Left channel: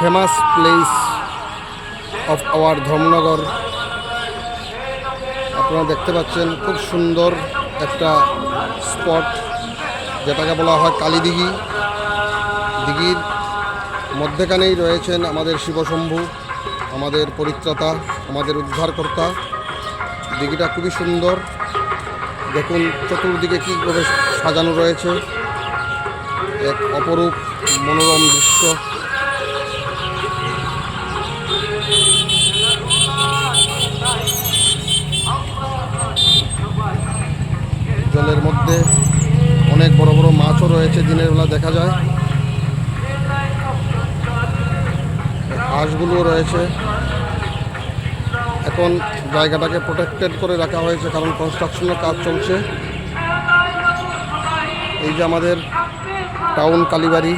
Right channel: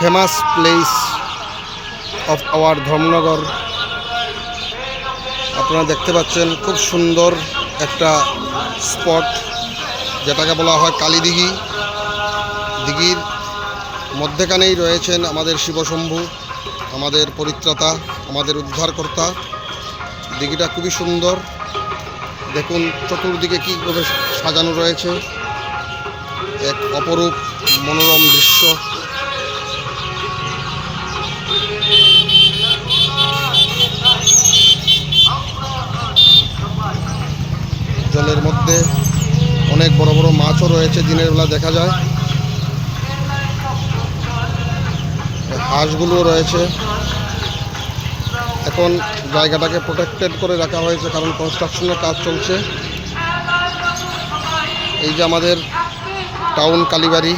Famous place of our Dharmanagar. আপনারা দেখতে পাচ্ছেন খুব সুন্দর একটা স্পট, যেটাকে বলা হয় কালীদিঘি। দিঘির মধ্যেখানেই রয়েছেন আমাদের শিবশম্ভু, আমাদের পরিত্রাতা, আমাদের উদ্ধারকর্তা। দিঘিটা খুবই সুন্দর, দেখুন চতুর্দিকে কীভাবে সাজানো রয়েছে, এক অপরূপ মনোরম দৃশ্য। জলের মধ্যে অনেক বড় বড় মাছও রয়েছে, দিনের বেলা দেখা যায়। হাঁসগুলোও রয়েছে। এখন জায়গাটাকে প্রোটেক্টেড করে রাখা হয়েছে, কারণ কনস্ট্রাকশনের কাজ চলছে। এই যে আমাদের টাউন কালীবাড়ি,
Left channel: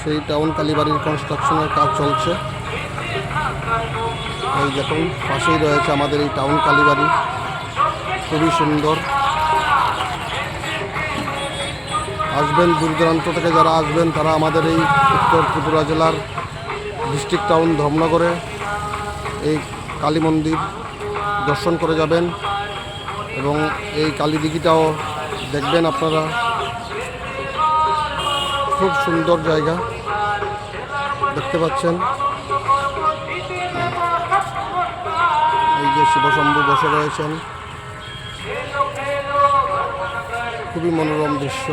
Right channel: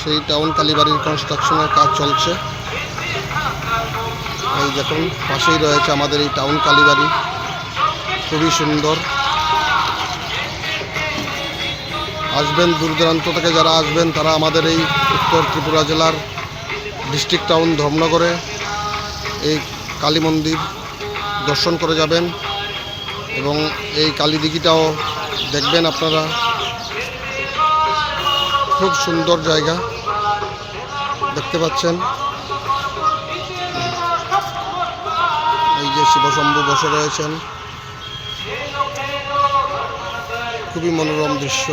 সেই টাউন কালীবাড়ির কনস্ট্রাকশনের কাজ চলছে। এই দেখুন পাশেই রয়েছে আমাদের এই টাউন কালীবাড়ি, খুবই সুন্দর। আসবেন, দূর দূরান্ত থেকে যারা আসবেন তারা আমাদের এই উত্তর ত্রিপুরা জেলার ডিস্ট্রিক্ট টাউন ধর্মনগরে এই কালী মন্দির দর্শন করে যাবেন এবং এই কালীদিঘিটাও দেখবেন আপনারা। খুব সুন্দর জায়গা দেখতে পাচ্ছেন। এই যে শিবশম্ভু বসে রয়েছেন, খুবই মনোরম দৃশ্য।